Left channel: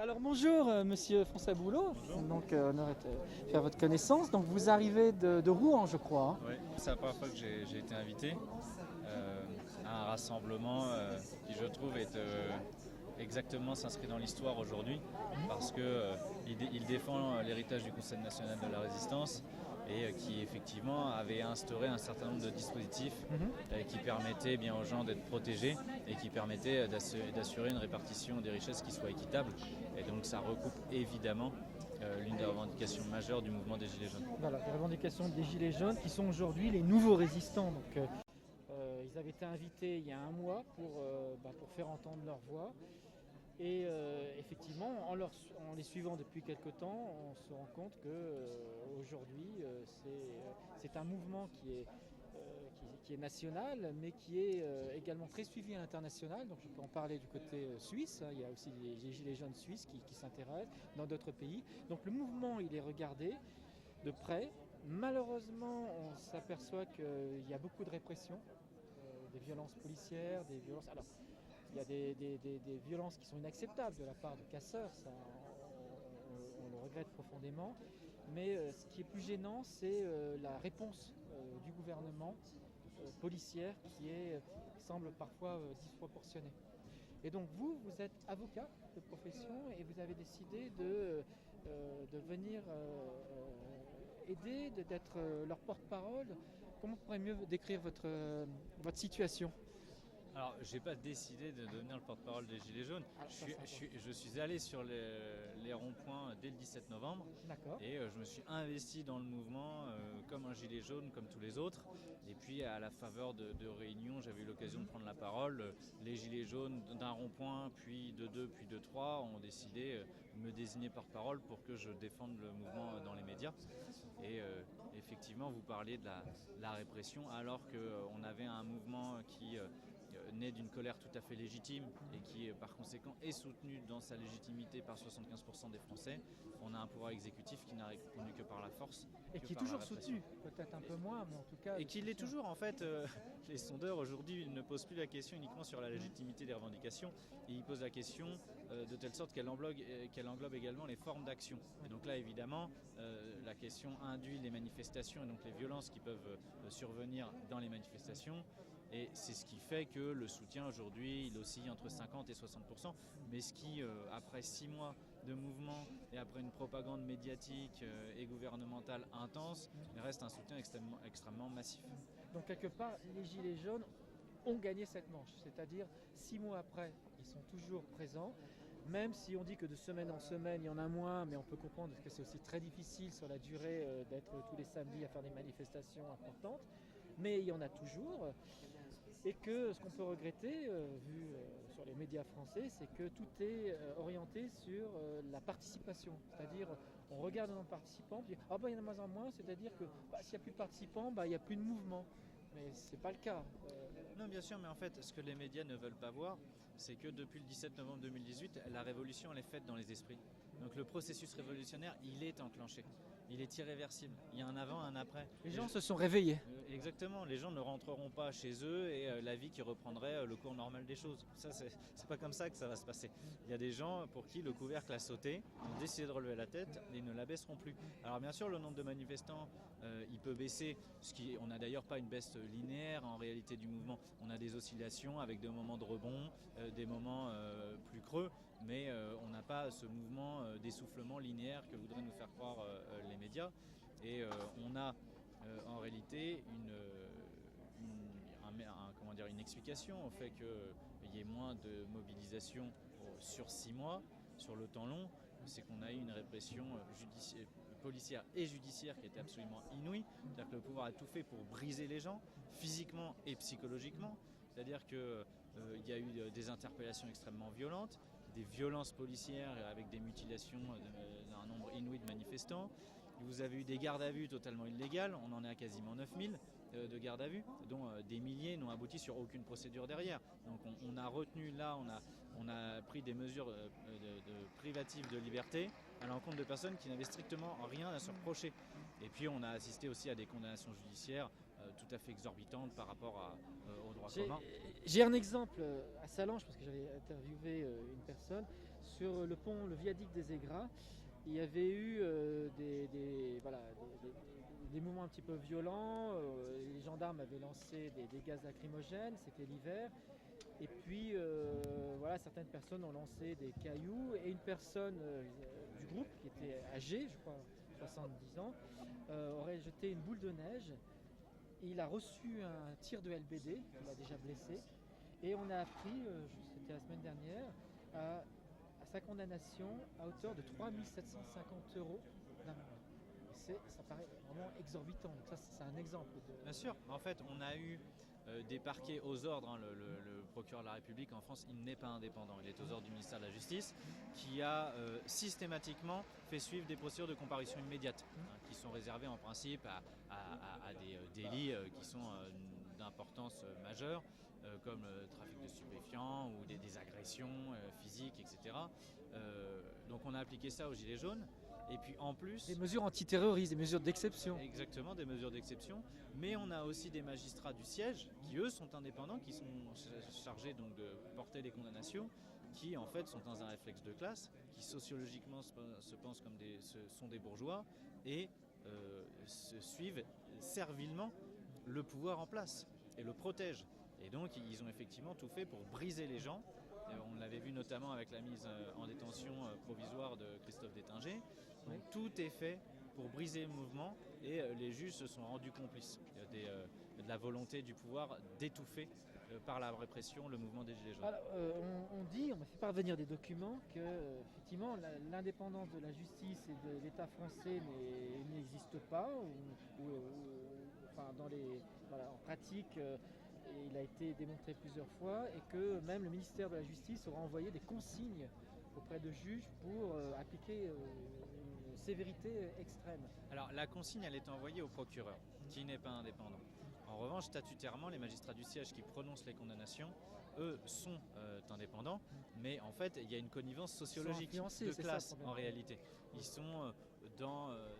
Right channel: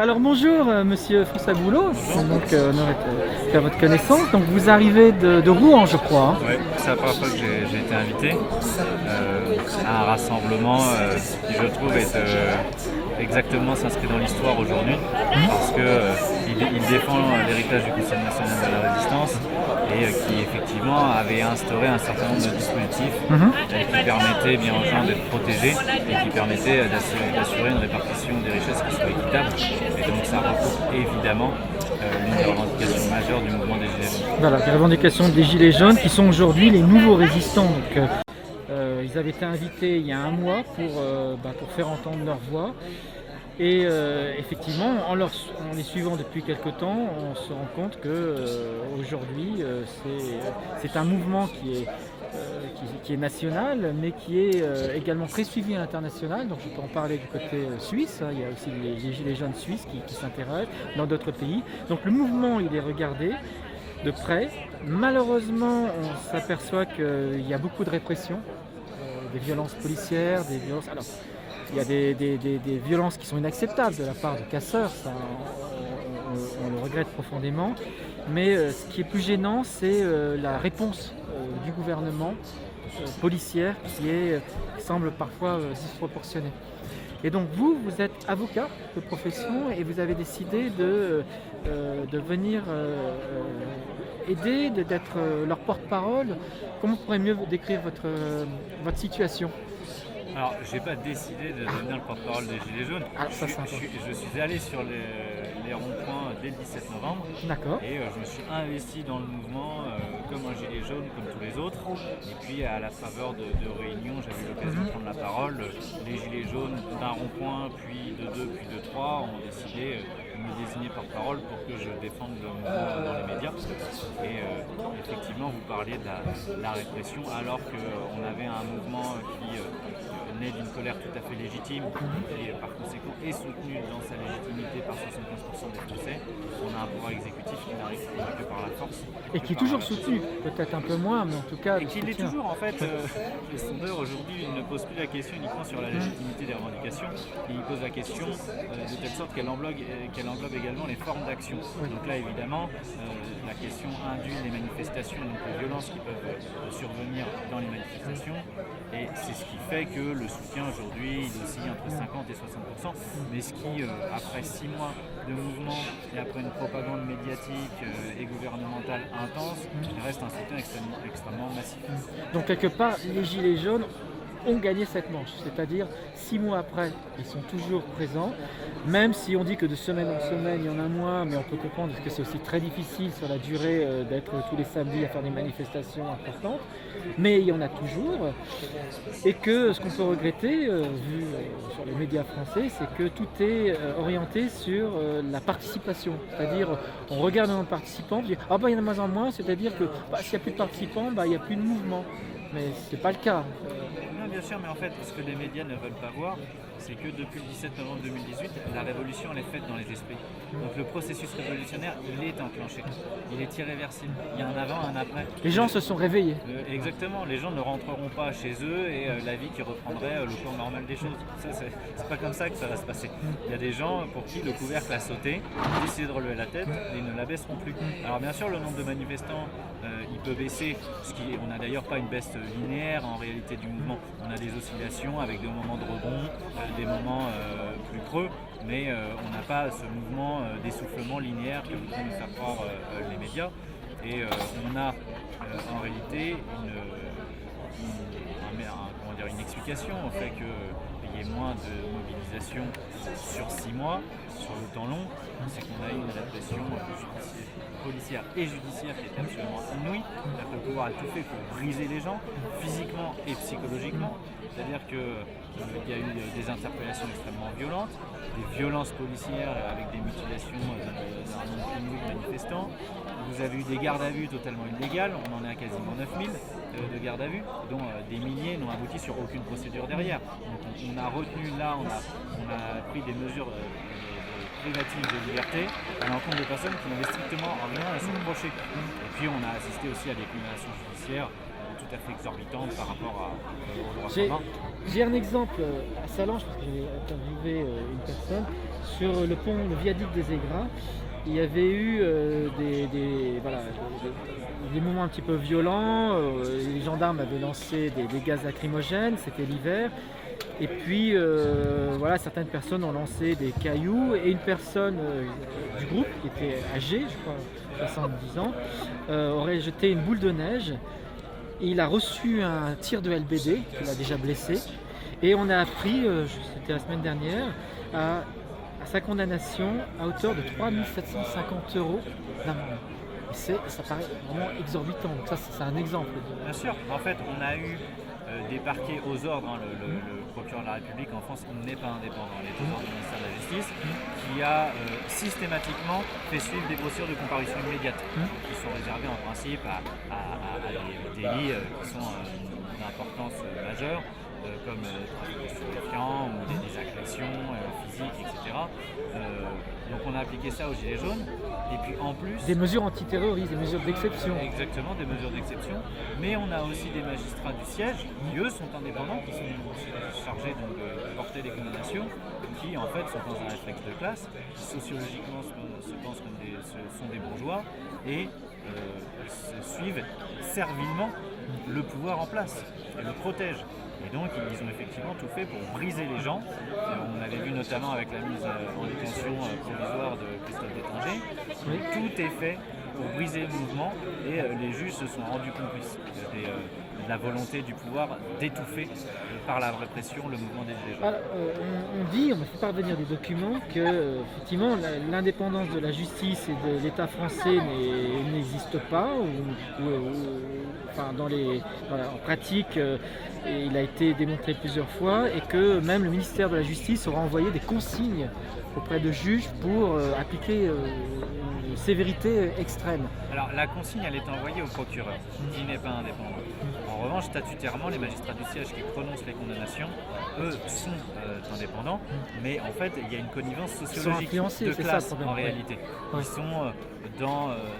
Alors bonjour Monsieur François Boulot, donc on aurait fait votre connaissance. Donc vous arrivez de Rouen, je crois, hein. Ouais, c'est la première fois que j'ai été invité à un rassemblement qui, je trouve, est exactement s'inscrit dans l'histoire aujourd'hui parce que il défend l'héritage du Conseil national de la résistance et qui effectivement avait instauré un certain nombre de dispositifs qui permettaient bien aux gens d'être protégés et qui permettaient d'assurer une répartition des richesses qui soit équitable. Et donc ça recoupe évidemment l'une des revendications majeures du mouvement des Gilets jaunes. Voilà, les revendications des Gilets jaunes qui sont aujourd'hui les nouveaux résistants. Donc, ils avaient été invités il y a un mois pour faire entendre leur voix. Et effectivement, en les suivant depuis quelque temps, on se rend compte que aujourd'hui, c'est un mouvement qui est national, mais qui est également très suivi à l'international. Donc je peux en parler du côté suisse, hein. Il y a aussi les Gilets jaunes suisses qui s'intéressent dans d'autres pays. Donc le mouvement, il est regardé de près. Malheureusement, on s'aperçoit qu'il y a beaucoup de répression, des violences policières, des violences... Alors, il y a des violences qui sont inacceptables de la part de casseurs, ça, on le regrette profondément. Mais ce qui est plus gênant, c'est la réponse du gouvernement policière qui semble parfois disproportionnée. Et donc vous êtes avocat de profession et vous avez décidé de venir aider, d'être leur porte-parole. Comment on pourrait mieux décrire votre situation ? Alors, j'ai pas décidé de devenir le porte-parole des Gilets jaunes. Je suis allé sur les ronds-points dès le 17 novembre. D'accord. Et je me suis investi dans le mouvement comme un gilet jaune, comme tous les autres. Et puis, à la faveur de réunions, j'avais eu l'occasion de prendre la parole. Les Gilets jaunes d'un rond-point, puis de deux, puis de trois, ont décidé de me désigner porte-parole pour que je défende le mouvement dans les médias. Et effectivement, vous parliez de la répression, alors qu'on avait un mouvement qui naît d'une colère tout à fait légitime et par conséquent est soutenu dans sa légitimité par 75% des Français. On a un pouvoir exécutif qui n'arrive que par la force. Et qui est toujours soutenu, peut-être un peu moins, mais en tout cas... Et qui l'est toujours en fait. Les sondeurs aujourd'hui ne posent plus la question uniquement sur la légitimité des revendications, ils posent la question de telle sorte qu'elle englobe également les formes d'action. Donc là évidemment, la question induit les manifestations, donc les violences qui peuvent survenir dans les manifestations, et c'est ce qui fait que le soutien aujourd'hui il oscille entre 50 et 60%, mais ce qui, après 6 mois de mouvement et après une propagande médiatique et gouvernementale intense, reste un soutien extrêmement massif. Donc quelque part, les Gilets jaunes ont gagné cette manche, c'est-à-dire 6 mois après, ils sont toujours présents, même si on dit que de semaine en semaine, il y en a moins, mais on peut comprendre que c'est aussi très difficile sur la durée d'être tous les samedis à faire des manifestations importantes, mais il y en a toujours, et que ce qu'on peut regretter, vu sur les médias français, c'est que tout est orienté sur la participation, c'est-à-dire on regarde un participant, on dit « Ah bah il y en a de moins en moins », c'est-à-dire que s'il n'y a plus de participants, il n'y a plus de mouvement, mais ce n'est pas le cas. Non, bien sûr, mais en fait, ce que les médias ne veulent pas voir, c'est que depuis le 17 novembre 2018, la révolution elle est faite dans les esprits. Donc le processus révolutionnaire, il est enclenché, il est irréversible. Il y a un avant, un après. Les gens se sont réveillés. Exactement, les gens ne rentreront pas chez eux et la vie qui reprendrait le cours normal des choses. Ça, c'est pas comme ça que ça va se passer. Il y a des gens pour qui le couvercle a sauté, ils décident de relever la tête et ne la baisseront plus. Alors bien sûr, le nombre de manifestants, il peut baisser. On n'a d'ailleurs pas une baisse linéaire en réalité du mouvement. On a des oscillations avec des moments de rebond, des moments plus creux, mais on n'a pas ce mouvement d'essoufflement linéaire que voudraient nous faire croire les médias. Et on a en réalité une explication au fait qu'il y ait moins de mobilisation sur 6 mois, sur le temps long, c'est qu'on a eu une répression policière et judiciaire qui était absolument inouïe. Le pouvoir a tout fait pour briser les gens, physiquement et psychologiquement. C'est-à-dire qu'il y a eu des interpellations extrêmement violentes, des violences policières avec des mutilations d'un nombre inouï de manifestants. Vous avez eu des gardes à vue totalement illégales, on en est à quasiment 9000 de gardes à vue, dont des milliers n'ont abouti sur aucune procédure derrière. Donc on a retenu là, on a pris des mesures privatives de liberté à l'encontre de personnes qui n'avaient strictement rien à se reprocher. Et puis on a assisté aussi à des condamnations judiciaires tout à fait exorbitantes par rapport au droit commun. J'ai un exemple à Salange, parce que j'ai interviewé une personne. sur le pont, le viaduc des Aigras, il y avait eu des moments un petit peu violents. Les gendarmes avaient lancé des gaz lacrymogènes, c'était l'hiver. Et puis certaines personnes ont lancé des cailloux et une personne du groupe qui était âgée, je crois 70 ans, aurait jeté une boule de neige. Il a reçu un tir de LBD qui l'a déjà blessé. Et on a appris, c'était la semaine dernière, à sa condamnation à hauteur de 3 750 € d'amende. Ça paraît vraiment exorbitant. Donc ça, c'est un exemple. Bien sûr, en fait, on a eu des parquets aux ordres. Le procureur de la République en France n'est pas indépendant. Il est aux ordres du ministère de la Justice, qui a systématiquement fait suivre des procédures de comparution immédiate, qui sont réservées en principe à des délits qui sont d'importance majeure, comme trafic de stupéfiants ou des agressions physiques, etc. Donc on a appliqué ça aux Gilets jaunes. Et puis en plus... Des mesures antiterroristes, des mesures d'exception. Exactement, des mesures d'exception. Mais on a aussi des magistrats du siège qui, eux, sont indépendants, qui sont chargés donc, de porter des condamnations, qui en fait sont dans un réflexe de classe, qui sociologiquement se pensent comme sont des bourgeois et suivent servilement le pouvoir en place et le protègent. Et donc ils ont effectivement tout fait pour briser les gens. On l'avait vu notamment avec la mise en détention provisoire de Christophe Détanger. Tout est fait pour briser le mouvement et les juges se sont rendus complices de la volonté du pouvoir d'étouffer par la répression le mouvement des Gilets jaunes. On dit, on me fait parvenir des documents que effectivement l'indépendance de la justice et de l'État français n'existe pas en pratique. Et il a été démontré plusieurs fois et que même le ministère de la Justice aura envoyé des consignes auprès de juges pour appliquer une sévérité extrême. Alors la consigne elle est envoyée au procureur qui n'est pas indépendant. En revanche, statutairement, les magistrats du siège qui prononcent les condamnations, eux, sont indépendants, mais en fait il y a une connivence sociologique de classe en réalité. Ils sont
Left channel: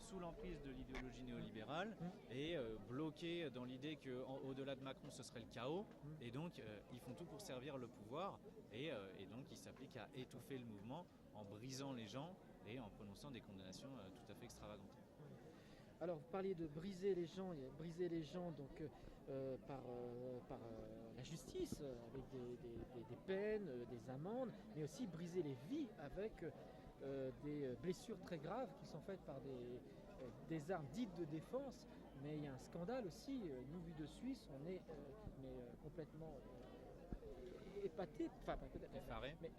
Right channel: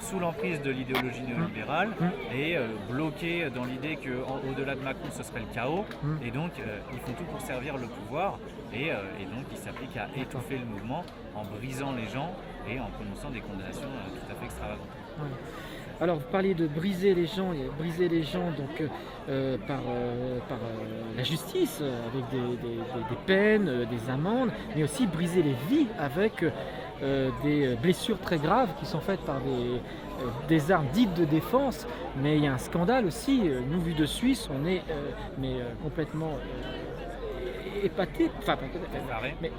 sous l'emprise de l'idéologie néolibérale et bloqués dans l'idée qu'au-delà de Macron ce serait le chaos, et donc ils font tout pour servir le pouvoir et donc ils s'appliquent à étouffer le mouvement en brisant les gens et en prononçant des condamnations tout à fait extravagantes. Ouais. Alors vous parliez de briser les gens donc, par la justice avec des peines, des amendes, mais aussi briser les vies avec des blessures très graves qui sont faites par des armes dites de défense. Mais il y a un scandale aussi, nous vu de Suisse, on est complètement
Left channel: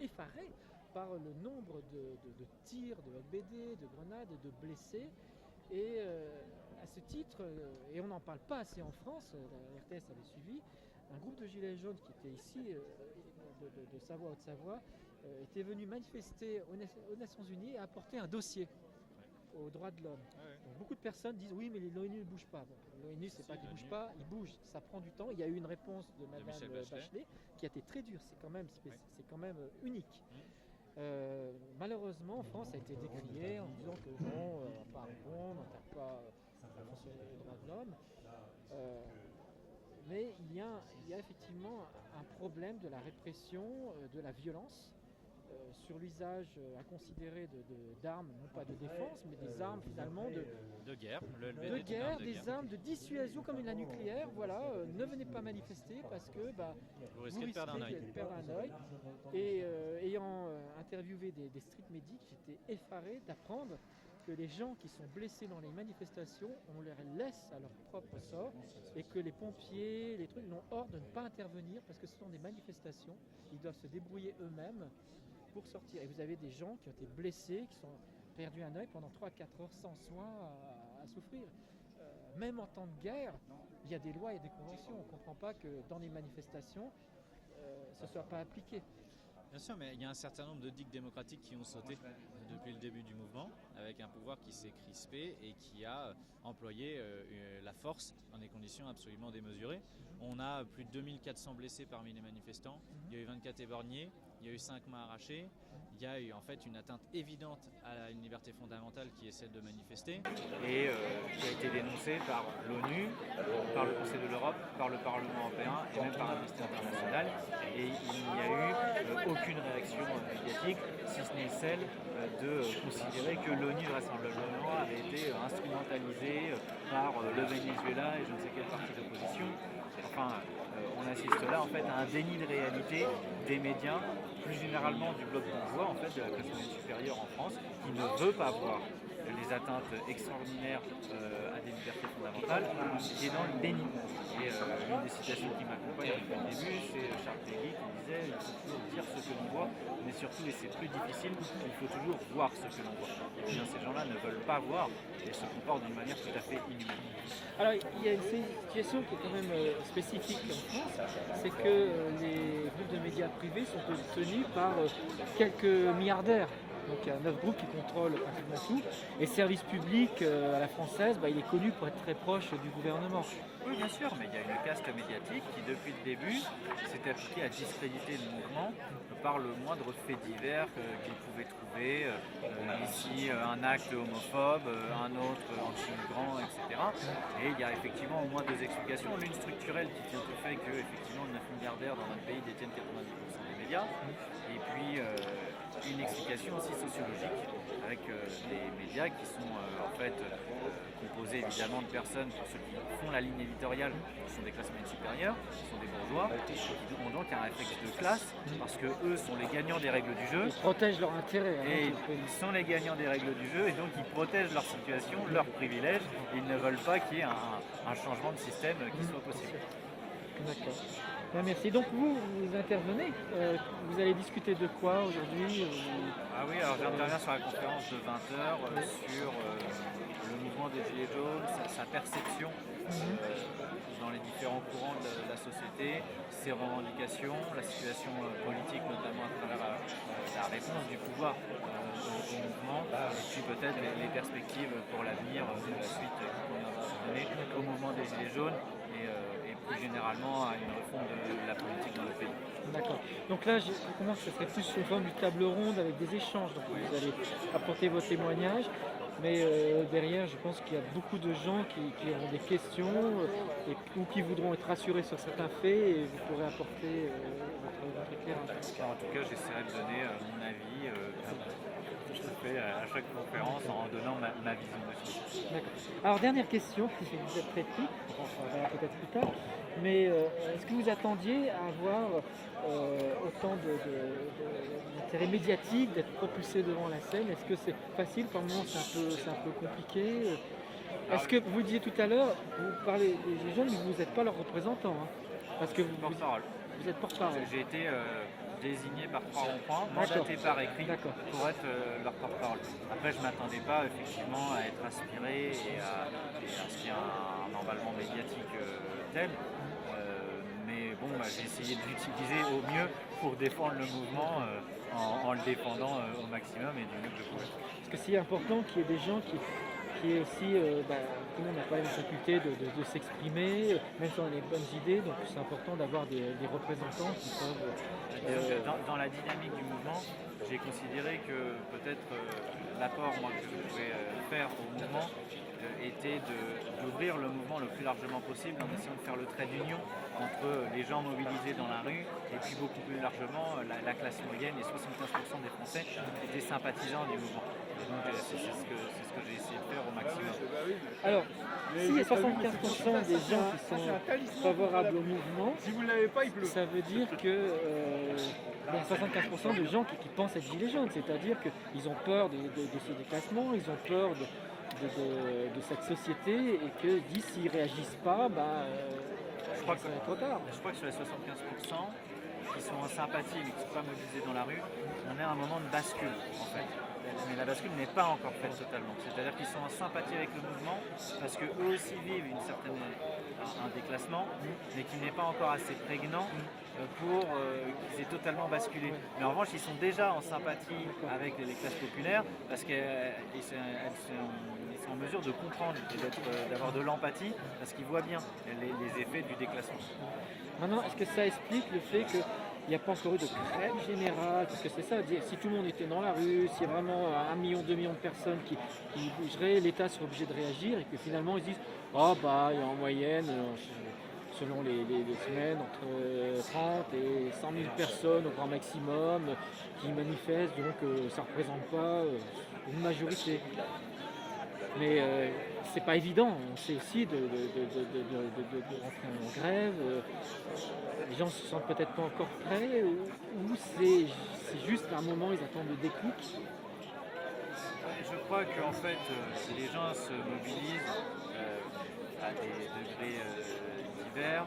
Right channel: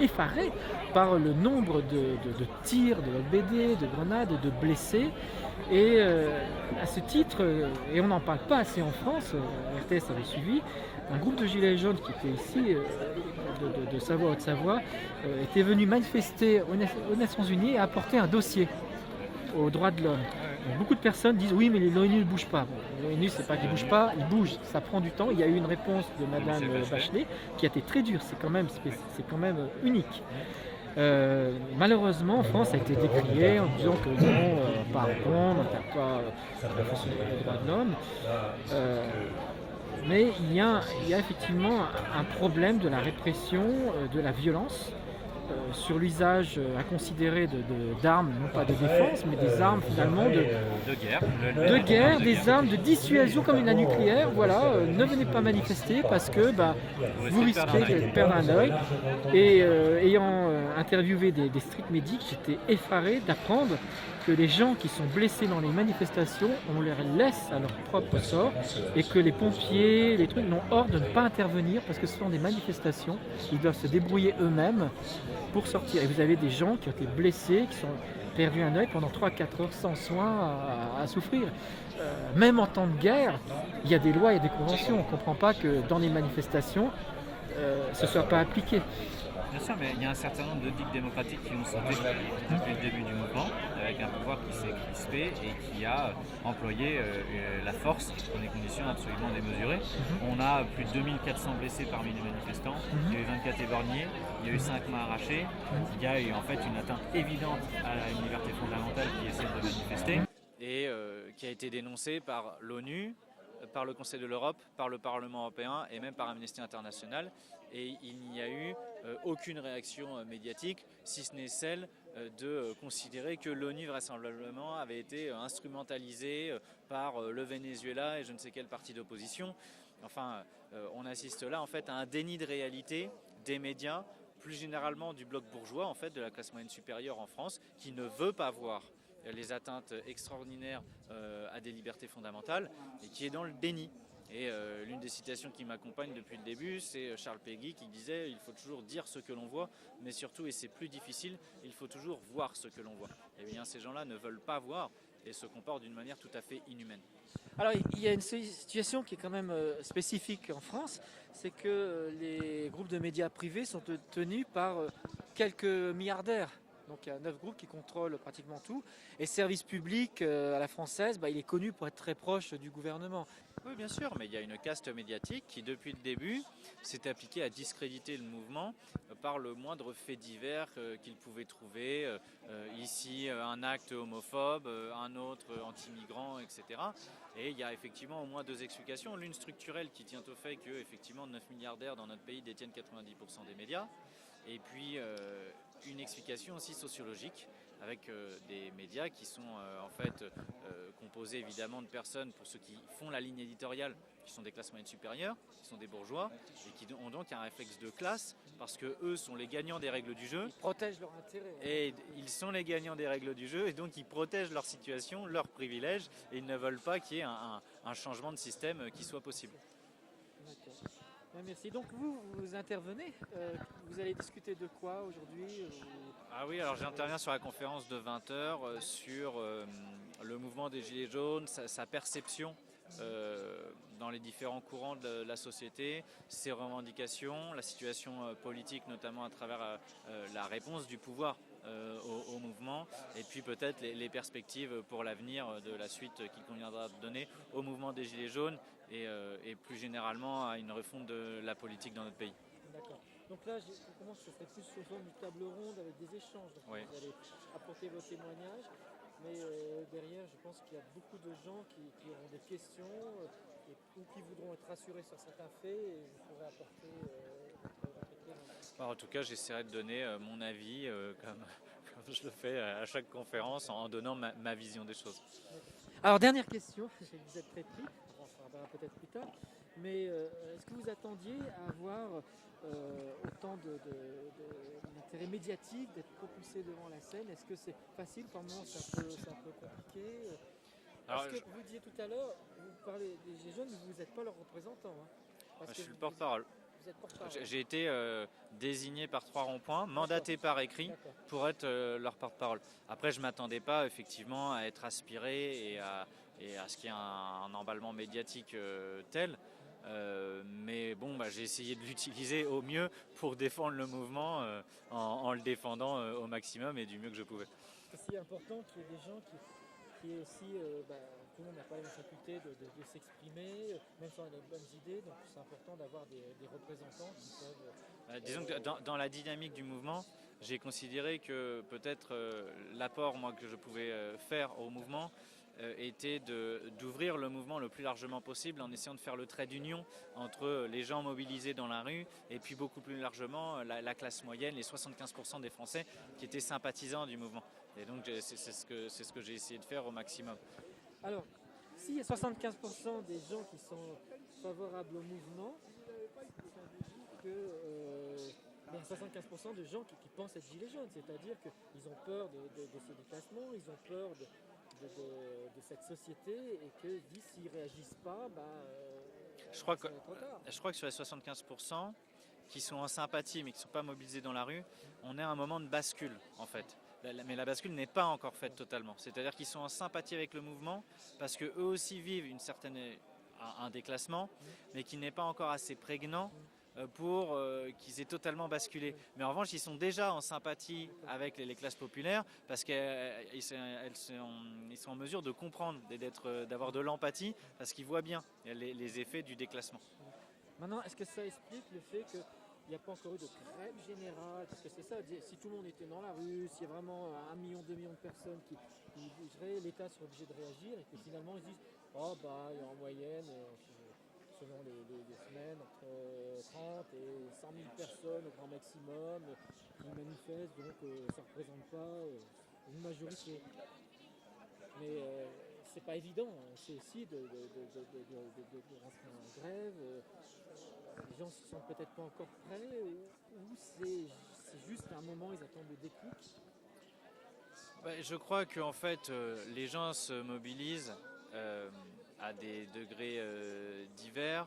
effaré par le nombre de tirs, de LBD, de grenades, de blessés. Et à ce titre, et on n'en parle pas assez en France, RTS avait suivi, un groupe de gilets jaunes qui était ici, de Savoie, Haute-Savoie, était venu manifester aux Nations Unies et apporter un dossier aux droits de l'homme. Donc, beaucoup de personnes disent oui mais l'ONU ne bouge pas. Bon, l'ONU c'est pas qu'il ne bouge pas, il bouge, ça prend du temps. Il y a eu une réponse de Madame Bachelet qui a été très dure, c'est quand même unique. Malheureusement en France ça a été décrié en disant que non, pas répondre, on n'attaque pas les droits de l'homme. Mais il y a effectivement un problème de la répression, de la violence, sur l'usage à considérer d'armes, non pas de défense, mais des armes finalement de guerre, des armes de dissuasion comme la nucléaire. Voilà, ne venez pas manifester parce que vous risquez de perdre un œil. Et ayant interviewé des street medics, j'étais effaré d'apprendre que les gens qui sont blessés dans les manifestations, on les laisse à leur propre sort et que les pompiers, les trucs n'ont ordre de ne pas intervenir parce que ce sont des manifestations, ils doivent se débrouiller eux-mêmes pour sortir. Et vous avez des gens qui ont été blessés, qui ont perdu un œil pendant 3-4 heures sans soin à souffrir. Même en temps de guerre, il y a des lois et des conventions. On ne comprend pas que dans les manifestations, ce ne soit pas appliqué. Bien sûr, mais il y a un certain nombre de digues démocratiques qui ont sauté depuis le début du mouvement, avec un pouvoir qui s'est crispé et qui a employé la force dans des conditions absolument démesurées. On a plus de 2400 blessés parmi les manifestants, il y a eu 24 éborgnés, il y a eu 5 mains arrachées, il y a eu en fait une atteinte évidente à une liberté fondamentale qui essaie de manifester et qui a été dénoncé par l'ONU, par le Conseil de l'Europe, par le Parlement européen et même par Amnesty International. Et il n'y a eu aucune réaction médiatique, si ce n'est celle de considérer que l'ONU vraisemblablement avait été instrumentalisée par le Venezuela et je ne sais quelle partie d'opposition. Enfin, on assiste là en fait à un déni de réalité des médias, plus généralement du bloc bourgeois, en fait, de la classe moyenne supérieure en France, qui ne veut pas voir les atteintes extraordinaires à des libertés fondamentales, qui est dans le déni. Et une des citations qui m'accompagne depuis le début, c'est Charles Péguy qui disait il faut toujours dire ce que l'on voit, mais surtout, et c'est plus difficile, il faut toujours voir ce que l'on voit. Et bien ces gens-là ne veulent pas voir et se comportent d'une manière tout à fait inhumaine. Alors il y a une situation qui est quand même spécifique en France, c'est que les groupes de médias privés sont tenus par quelques milliardaires. Donc il y a 9 groupes qui contrôlent pratiquement tout. Et le service public à la française, il est connu pour être très proche du gouvernement. Oui, bien sûr, mais il y a une caste médiatique qui, depuis le début, s'est appliquée à discréditer le mouvement par le moindre fait divers qu'ils pouvaient trouver. Ici, un acte homophobe, un autre anti-migrant, etc. Et il y a effectivement au moins deux explications. L'une structurelle qui tient au fait que, effectivement, 9 milliardaires dans notre pays détiennent 90% des médias. Et puis, une explication aussi sociologique avec des médias qui sont en fait composés évidemment de personnes, pour ceux qui font la ligne éditoriale, qui sont des classes moyennes supérieures, qui sont des bourgeois, qui ont donc un réflexe de classe, parce que eux sont les gagnants des règles du jeu. Ils protègent leur intérêt. Et ils sont les gagnants des règles du jeu, et donc ils protègent leur situation, leurs privilèges, et ils ne veulent pas qu'il y ait un changement de système qui soit possible. D'accord. Bien, merci. Donc vous intervenez, vous allez discuter de quoi aujourd'hui Ah oui, alors j'interviens sur la conférence de 20h sur le mouvement des Gilets jaunes, sa perception dans les différents courants de la société, ses revendications, la situation politique notamment à travers la réponse du pouvoir au mouvement, et puis peut-être les perspectives pour l'avenir de la suite qu'il conviendra de donner au mouvement des Gilets jaunes et plus généralement à une refonte de la politique dans le pays. D'accord. Donc là, je commence, ce serait plus sous forme d'une table ronde avec des échanges. Donc vous allez apporter vos témoignages. Mais derrière, je pense qu'il y a beaucoup de gens qui auront des questions ou qui voudront être rassurés sur certains faits et vous pourrez apporter votre éclairage. En tout cas, j'essaierai de donner mon avis, comme je le fais à chaque conférence, en donnant ma vision des choses. D'accord. Alors, dernière question, vous êtes très pris, on en verra peut-être plus tard, mais est-ce que vous attendiez à avoir autant d'intérêt médiatique, d'être propulsé devant la scène? Est-ce que c'est facile? Par moments, c'est un peu compliqué. Est-ce que vous disiez tout à l'heure, vous parlez des jeunes, mais vous n'êtes pas leur représentant, hein, parce que vous êtes porte-parole. J'ai été désigné par 3 ronds-points, mandaté par écrit pour être leur porte-parole. Après, je ne m'attendais pas effectivement à être aspiré et à ce qu'il y ait un emballement médiatique tel. Mais bon, j'ai essayé de l'utiliser au mieux pour défendre le mouvement en le défendant au maximum et du mieux que je pouvais. Parce que c'est important qu'il y ait des gens qui est aussi, tout le monde n'a pas la faculté de s'exprimer, même si on a les bonnes idées, donc c'est important d'avoir des représentants qui peuvent... Dans la dynamique du mouvement, j'ai considéré que peut-être l'apport que je pouvais faire au mouvement était d'ouvrir le mouvement le plus largement possible en essayant de faire le trait d'union entre les gens mobilisés dans la rue et puis beaucoup plus largement la classe moyenne, les 75% des Français qui étaient sympathisants du mouvement. Donc c'est ce que j'ai essayé de faire au maximum. Alors, s'il y a 75% des gens qui sont favorables au mouvement, ça veut dire que il y a 75% de gens qui pensent être gilets jaunes, c'est-à-dire qu'ils ont peur de ce déclassement, ils ont peur de cette société et que s'ils ne réagissent pas, je crois ça va être trop tard. Je crois que sur les 75% qui sont en sympathie mais qui ne sont pas mobilisés dans la rue, on est à un moment de bascule en fait. Mais la bascule n'est pas encore faite totalement. C'est-à-dire qu'ils sont en sympathie avec le mouvement parce qu'eux aussi vivent un déclassement, mais qui n'est pas encore assez prégnant pour qu'ils aient totalement basculé. Mais en revanche, ils sont déjà en sympathie avec les classes populaires parce qu'ils sont en mesure de comprendre et d'avoir de l'empathie parce qu'ils voient bien les effets du déclassement. Maintenant, est-ce que ça explique le fait que il n'y a pas encore eu de grève générale, parce que c'est ça, si tout le monde était dans la rue, s'il y a vraiment 1 million, 2 millions de personnes qui bougeraient, l'État serait obligé de réagir et que finalement ils se disent oh bah il y a en moyenne, selon les semaines, entre 30 et 100 000 personnes au grand maximum qui manifestent, donc ça ne représente pas une majorité. Mais c'est pas évident, on sait aussi de rentrer en grève, les gens se sentent peut-être pas encore prêts, ou c'est juste à un moment ils attendent le déclic. Je crois que en fait, les gens se mobilisent à des degrés divers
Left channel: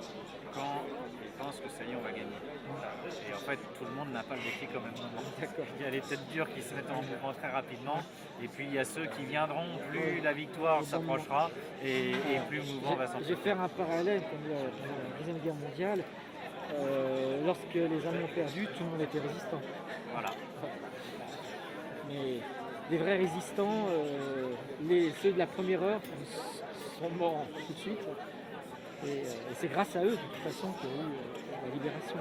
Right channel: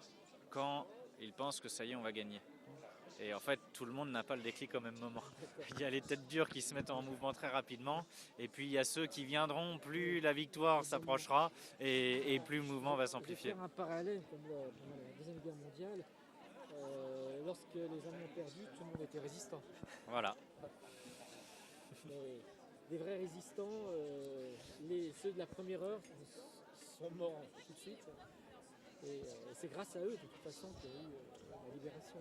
quand ils pensent que ça y est, on va gagner. Et en fait, tout le monde n'a pas le déclic au même moment. Il y a les têtes dures qui se mettent en mouvement très rapidement, et puis il y a ceux qui viendront, plus la victoire s'approchera, et plus le mouvement va s'amplifier. Je vais faire un parallèle comme la Deuxième Guerre mondiale. Lorsque les Allemands ont perdu, tout le monde était résistant. Voilà. Mais les vrais résistants, ceux de la première heure, sont morts tout de suite. Et c'est grâce à eux, de toute façon, qu'il y a eu la libération.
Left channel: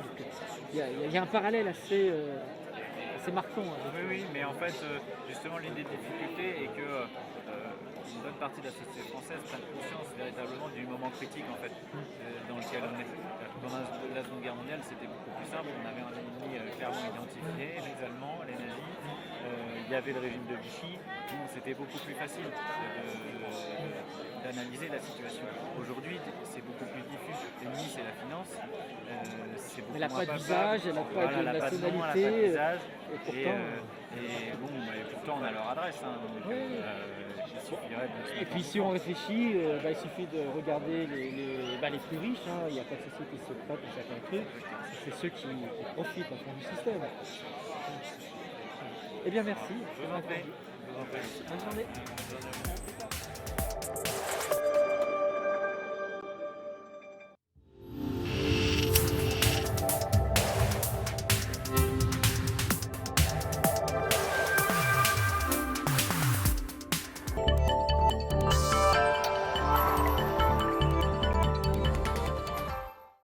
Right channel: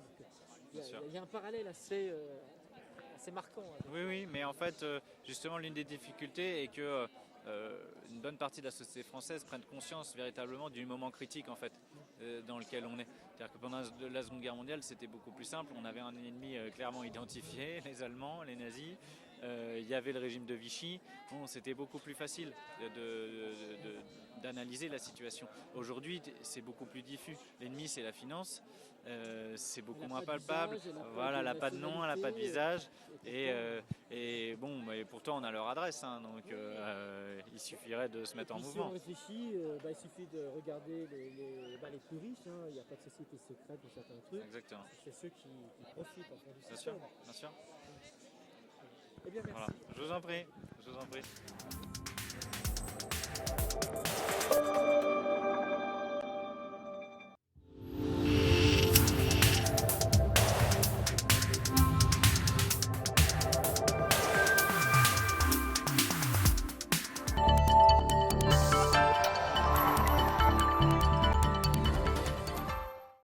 Il y a un parallèle assez marquant. Oui, mais en fait, justement, l'une des difficultés est que une bonne partie de la société française prenne conscience véritablement du moment critique en fait, dans lequel on est. Pendant la Seconde Guerre mondiale, c'était beaucoup plus simple. On avait un ennemi clairement identifié, les Allemands, les nazis. Il y avait le régime de Vichy. Bon, c'était beaucoup plus facile d'analyser la situation. Aujourd'hui, c'est beaucoup plus diffus. L'ennemi, c'est la finance. C'est beaucoup elle n'a moins pas d'usage, elle n'a pas de nationalité. Elle n'a pas d'usage. Et Pourtant, on a leur adresse. Hein, donc, il suffirait de se mettre. Et puis, si on réfléchit, il suffit de regarder les plus riches. Hein, il n'y a pas de société secrète pour certains trucs. C'est ceux qui profitent en fond du système. Eh bien, merci. Je vous en prie. Bonne journée.